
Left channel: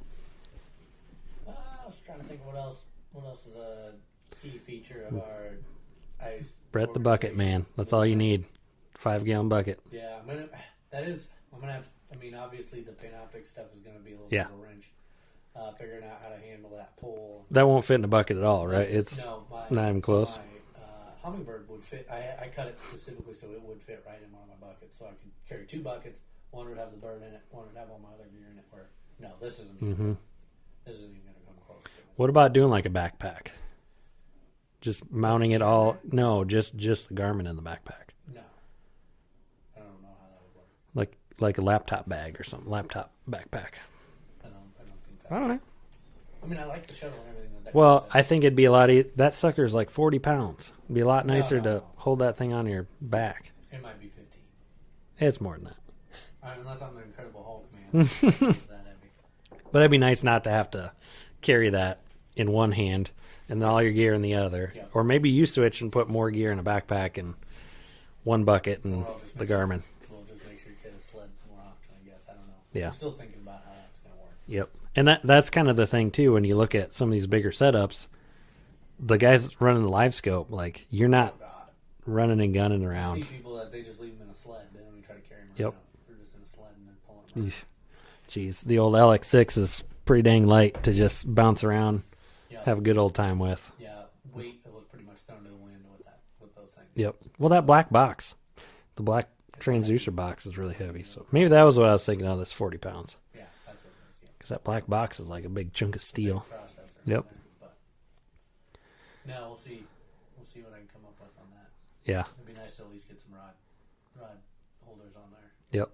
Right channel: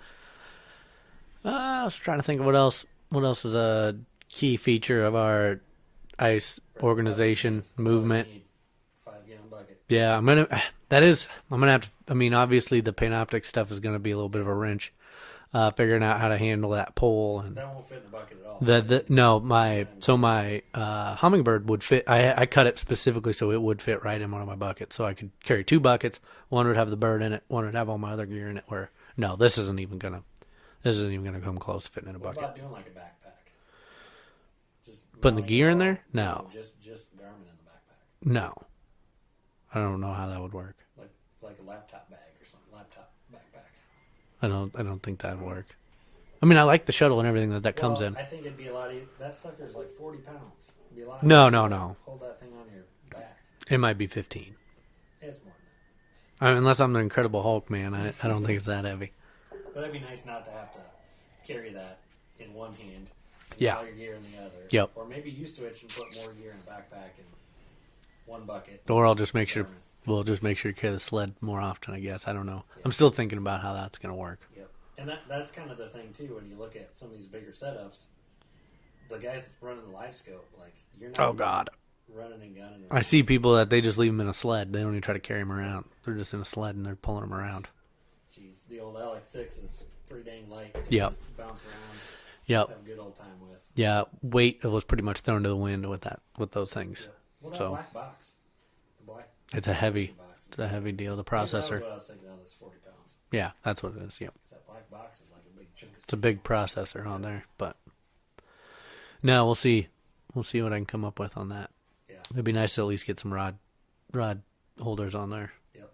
I was trying to think of what else. What else is a key feature of our ice Brett organization the bucket, man. That's movement? all you need. 5-gallon bucket. Yeah, I'm gonna have to. I mean, obviously the Panoptic stuff is gonna be a little bit of a wrench. Figuring out how to handle that pole. And That won't fit in a bucket at all, right? It's no, not even close. my Hummingbird would fit. I cut it specifically so it would fit right in one of my buckets, so I could carry 2 buckets. One would have the bird in it. One would have all my other gear in it. Where no, this isn't even gonna come close to fitting in. What about doing like a backpack? Just mounting gear it all in there? No, No. just the Garmin in the backpack, No, I don't know how that would work. like a laptop bag or something. Laptop backpack. I don't think that I would don't know. work. I mean, I like the shuttle and everything that Well, comes in. I think it'd be a lot. That sucker's like 40 pounds. It'd be a lot No, nicer no, to no. hold that thing on your back. It might be 15. It's more than that. I mean, unless I'm the Incredible Hulk, man. I don't think it's that heavy. But it'd be nice not to have to carry that in one hand and Yeah. all your gear in the other. Yep. Or maybe you switch and put more gear in a backpack and one bucket. And Or I'll just make the sure Garmin. we'll just make sure you carry the sled more often. I guess I don't know. Yeah. I'm still thinking about how that's gonna work. Yep. And that's kind of the thing too when you look at some of these bigger setups. The guys running the live scope, like you're not Oh God, running and gunning around. I see people that they just leave them in a sled. They don't even try to carry them around. They're just in a sled and they're pulling them around. Jeez, the old LX6 is pretty dang light to Yep. just bounce around, Yep. have a good old time with. Yeah, weight was pretty much thrown to the wind with those things. Yep. Well, that So- black box, the black It's a transducer heavy- box is it's a really heavy deal, So the maybe that was processor. what I was thinking of. This 40 pounds Yeah, that's what it is. Yep. because that black box is like a big chunk of It's a steel. big processor on Yep. there, but no, we'll see. We'll see what I can come up with on that. Yeah. It'd be nice to at least get some rod holders on there. Yep.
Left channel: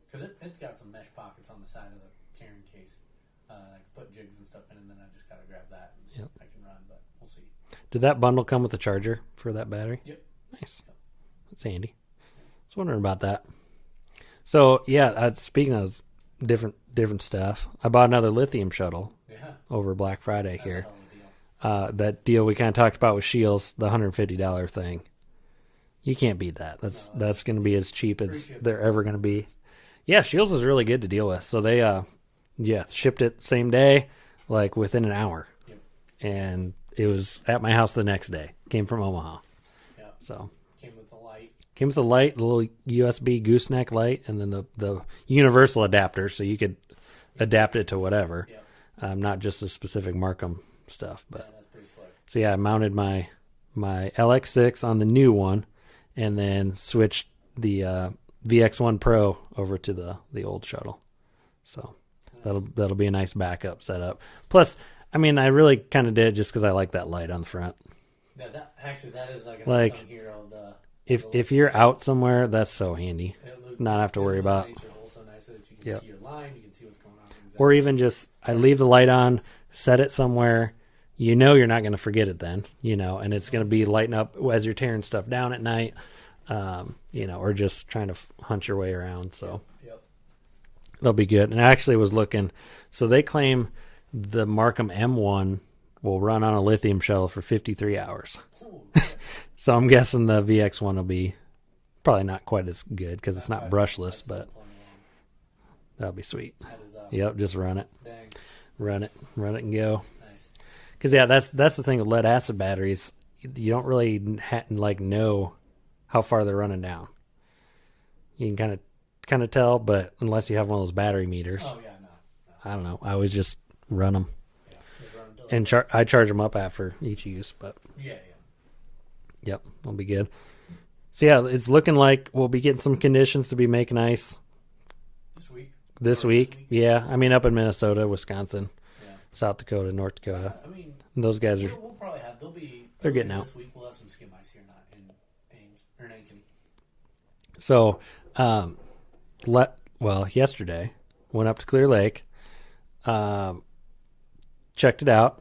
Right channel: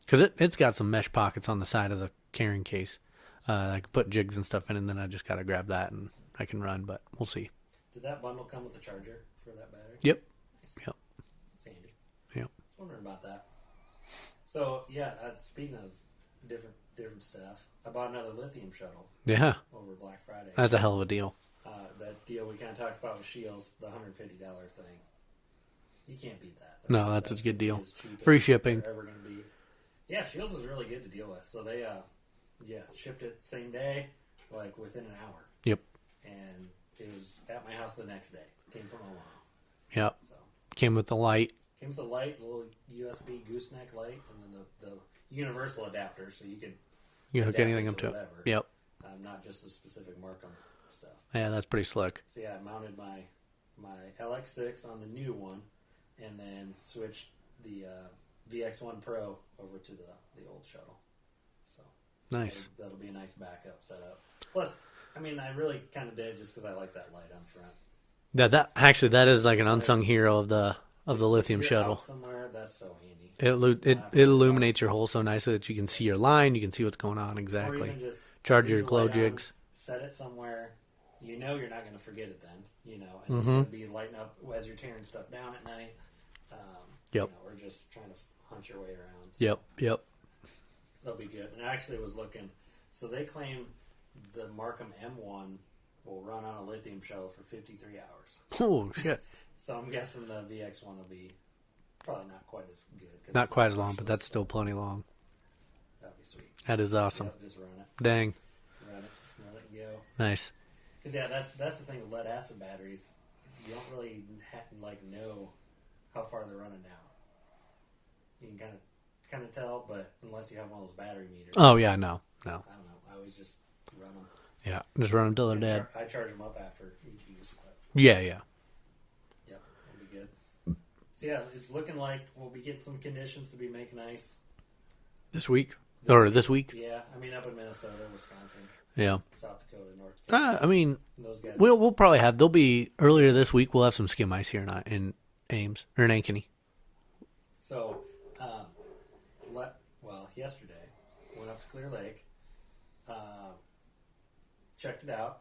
Because it's got some mesh pockets on the side of the carrying case. I can put jigs and stuff in, and then I just got to grab that, and Yep. I can run, but we'll see. Did that bundle come with a charger for that battery? Yep. Nice. Yep. That's handy. Yep. I was wondering about that. So yeah, speaking of different stuff, I bought another lithium shuttle Yeah, over Black Friday. that's here. a hell of a deal. That deal we kind of talked about with Shields, the $150 thing. You can't beat that. That's No, that's a good going to be deal. as cheap Free as shipping. they're ever going to be. Yeah, Shields was really good to deal with. So they, shipped it same day, like within an hour. Yep. And it was at my house the next day. Came from Omaha. Yep. So Came with the light. came with a light, a little USB gooseneck light, and then the universal adapter, so you could You know, adapt getting it to into whatever. Yep. Not just the specific Markham stuff. Yeah, that's pretty slick. So yeah, I mounted my LX6 on the new one, and then switched the VX1 Pro over to the old shuttle. So Nice. that'll be a nice backup setup. Plus, I mean, I really kind of did it just because I like that light on the front. That is like an Like, unsung hero of the If lithium you're shuttle. out somewhere, that's so handy. It not have to worry about- illuminates your hole so nicely that you can Yep. see your line, you can see what's going on exactly. Or even just I Charge leave your the light glow on, jigs. set it somewhere. You know you're not going to forget it then, and it's Mhm. going to be lighting up as you're tearing stuff down at night, Yep. or just trying to hunt your way around. So Yep. they'll be good. And I actually was looking, so they claim the Markham M1 will run on a lithium shuttle for 53 hours. Oh shit! So I'm guessing the VX1 will be probably not quite as good because it's not quite as long, brushless, but that's still but plenty long. that'll be sweet. That is awesome. Yep, just run it and go. Nice. Because that's the thing with lead acid batteries. You don't really know how far they're running down. You can kind of tell, but unless you have one of those battery meters, Oh yeah, no. I don't know. I always just run them Yeah, just run until they're and dead. I charge them up after each use. But Yeah. yep, it'll be good. So yeah, it's looking like we'll be getting some conditions to be making ice This week. this week. Yeah, I mean up in Minnesota, Wisconsin, Yeah. South Dakota, North Dakota. I mean, And those guys. we'll probably have. There'll be earlier getting this week. We'll have some skim ice here in Ames or in Ankeny. So, yesterday went up to Clear Lake, checked it out.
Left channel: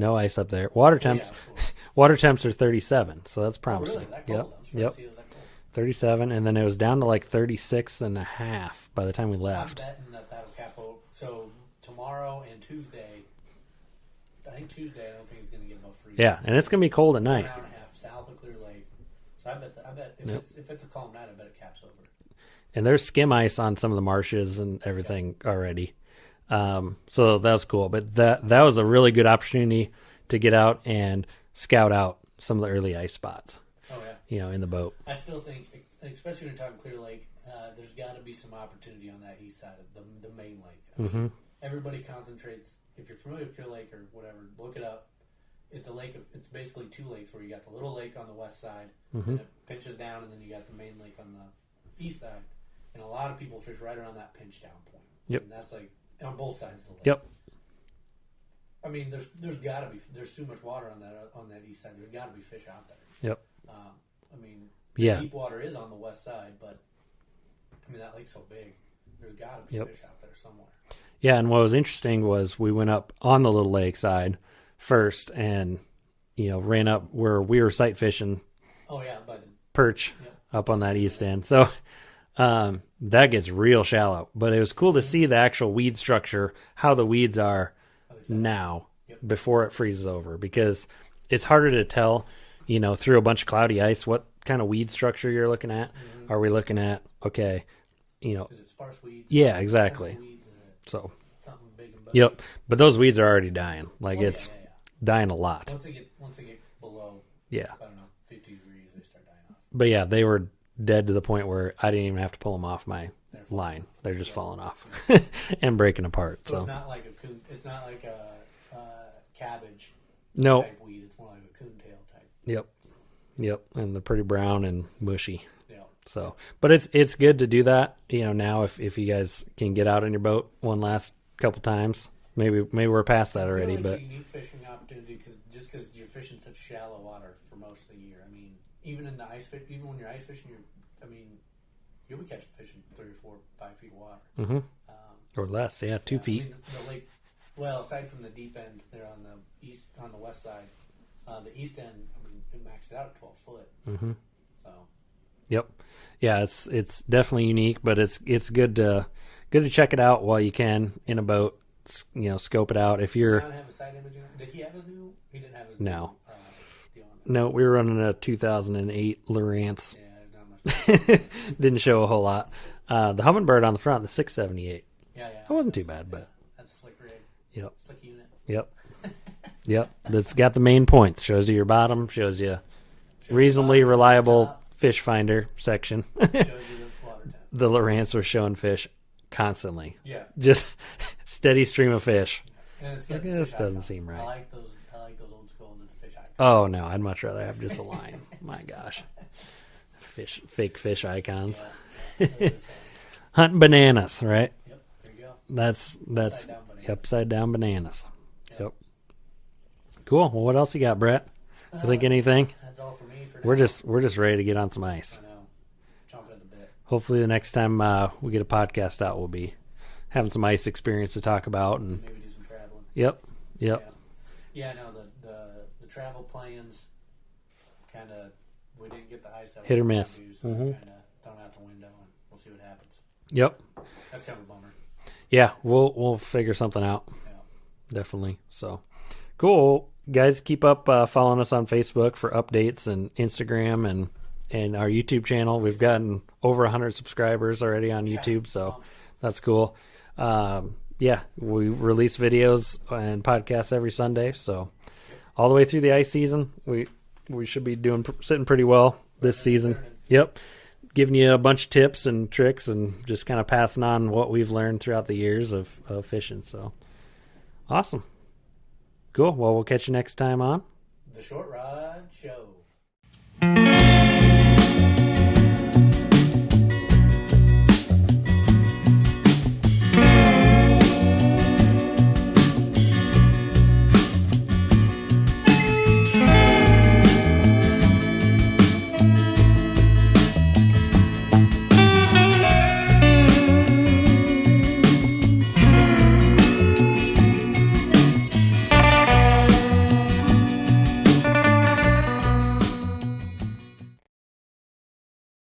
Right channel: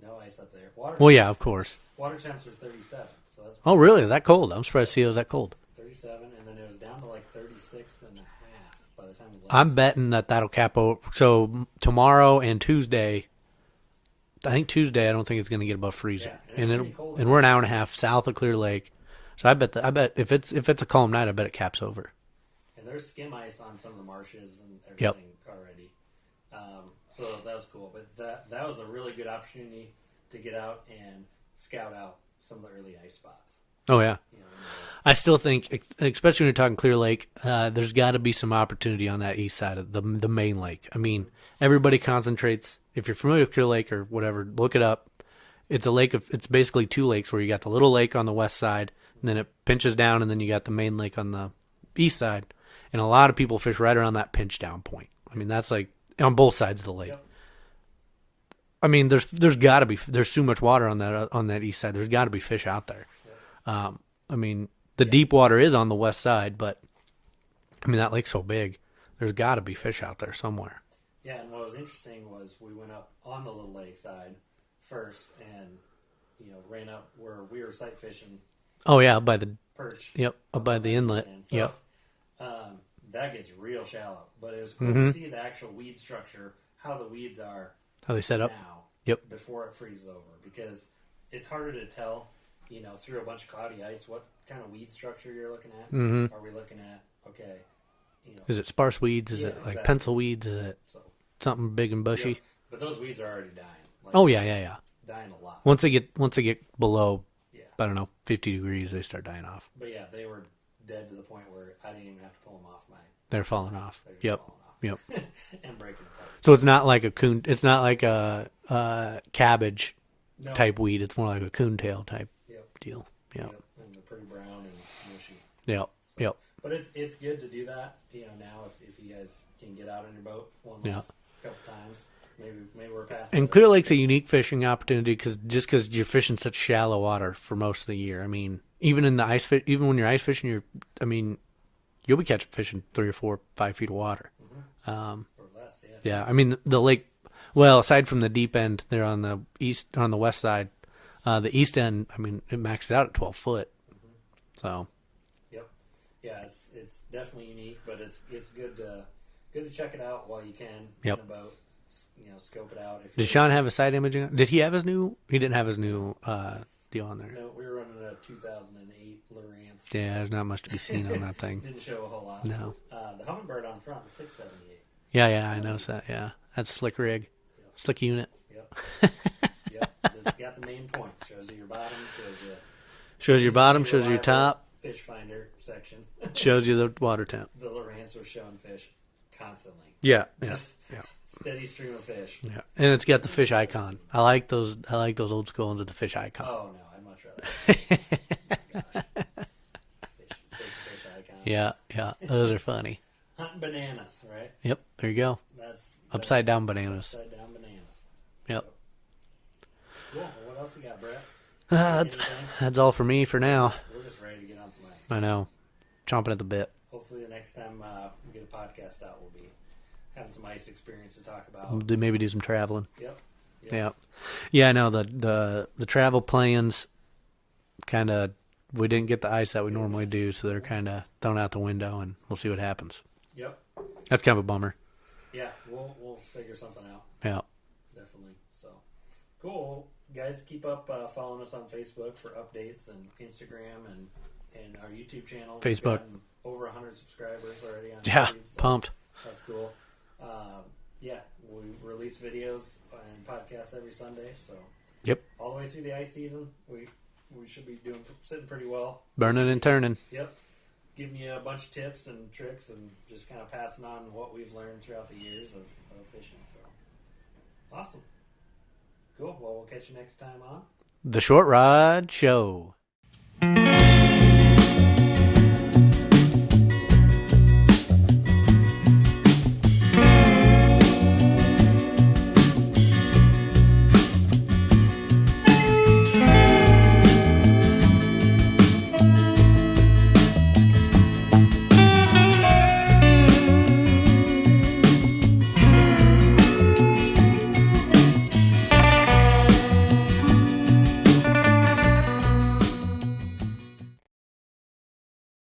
No ice up there. Water temps, Well, yeah, of course. water temps are 37, so that's Oh, promising. really? Is that cold? Yep. I'm surprised Yep. to see it was that cold. 37, and then it was down to like 36 and a half by the time we left. I'm betting that'll cap over. So tomorrow and Tuesday, I think Tuesday, I don't think it's going to get above freezing. Yeah, and it's going to be cold at And night. we're an hour and a half south of Clear Lake, so I bet if it's a calm night, I bet it caps over. And there's skim ice on some of the marshes and everything already. So that was cool. But that was a really good opportunity to get out and scout out some of the early ice spots, Oh yeah, in the boat. I still think, especially when you're talking Clear Lake, there's got to be some opportunity on that east side of the main lake. I mean, everybody concentrates. If you're familiar with Clear Lake or whatever, look it up. It's a lake it's basically two lakes where you got the little lake on the west side, and then it pinches down, and then you got the main lake on the east side. And a lot of people fish right around that pinch down point. I mean, that's like on both sides of the lake. Yep. I mean, there's got to be too much water on that east side. There's got to be fish out there. Yep. I mean, the deep water is on the west side, but I mean that lake's so big. There's got to be fish out there somewhere. Yeah, and what was interesting was we went up on the little lake side first, and ran up where we were sight fishing. Oh yeah, by the perch. Yep, up by on the that inlet. east end. So that gets real shallow, but it was cool to see the actual weed structure, how the weeds are How they set up. now. Yep. Before it freezes over, because it's harder to tell, through a bunch of cloudy ice what kind of weed structure you're looking at. Are we looking at Is it sparse weeds? Is Yeah, it like exactly. pencil weeds? Is it so something big and bushy? yep. But those weeds are already dying. Like Oh it's yeah. dying a lot. Once they get below, Yeah. I don't know, 50 degrees, they start dying off. But yeah, they were dead to the point where I didn't even have to pull them off my They're falling line. off. They're just Yep. falling off Yep. and breaking apart. So it's not like a coon. It's not like a cabbage no. type weed. It's more like a coontail type Yep. deal. Yep. And they're pretty brown and mushy. Yep. So, Yep. but it's good to do that. Now if you guys can get out on your boat one last couple times, maybe we're past that. And Clear already, Lake's a unique fishing opportunity because you're fishing such shallow water for most of the year. I mean, even in the even when you're ice fishing, you'll be catching fish in 3 or 4, 5 feet of water. or less. Yeah. 2 Yeah, feet. I mean the lake. Well, aside from the deep end, there on the west side, the east end. I mean, it maxes out at 12 foot. So, Yep. Yeah, it's definitely unique, but it's good to check it out while you can in a boat. Scope it out. If you did Sean have a side imaging? Did he have his new? He didn't have his new deal on there. No, we were running a 2008 Lowrance. Yeah, there's not much to be seen on that thing. Didn't show a whole lot. No. The Humminbird on the front, the 678. Yeah, I Wasn't noticed too that. bad, Yeah, that's slick rig. Yep. Slick unit. Yep. Yep. That's got the main points. Shows you your bottom. Shows you Shows you reasonably bottom. Shows you reliable top. fish finder section. Shows you the water temp. The Lowrance was showing fish constantly. Yeah. Just steady stream of fish. Yeah, and it's got the Yeah, fish this doesn't icon. seem right. I like those old school ones with the fish icon. Oh no, I'd much rather have just a line. My gosh. Fake fish icons. Yeah, those are funny. Hunting bananas, right? Yep, there you go. That's Upside down bananas. Upside down bananas. Yep. Cool. Well, what else you got, Brett? Think anything? That's all for me for now. We're just ready to get on some ice. I know, chomping at the bit. Hopefully, the next time we get a podcast out, we'll be having some ice experience to talk about. Maybe do some traveling. Yep. Yeah. I know the travel plans kind of we didn't get the ice that we Hit or normally miss. do, so they're kind of thrown out the window, and we'll see what happens. Yep. That's kind of a bummer. Yeah, we'll figure something out. Yeah. Definitely. So cool, guys. Keep up following us on Facebook for updates and Instagram and our YouTube channel. We've Facebook. gotten over 100 subscribers already on YouTube, so pumped. that's cool. Yeah, we release videos and podcasts every Sunday. So Yep. all the way through the ice season, we should be sitting pretty well this Burning and season. turning. Yep. Giving you a bunch of tips and tricks and just kind of passing on what we've learned throughout the years of fishing. So awesome. Cool. Well, we'll catch you next time on The Short Rod Show.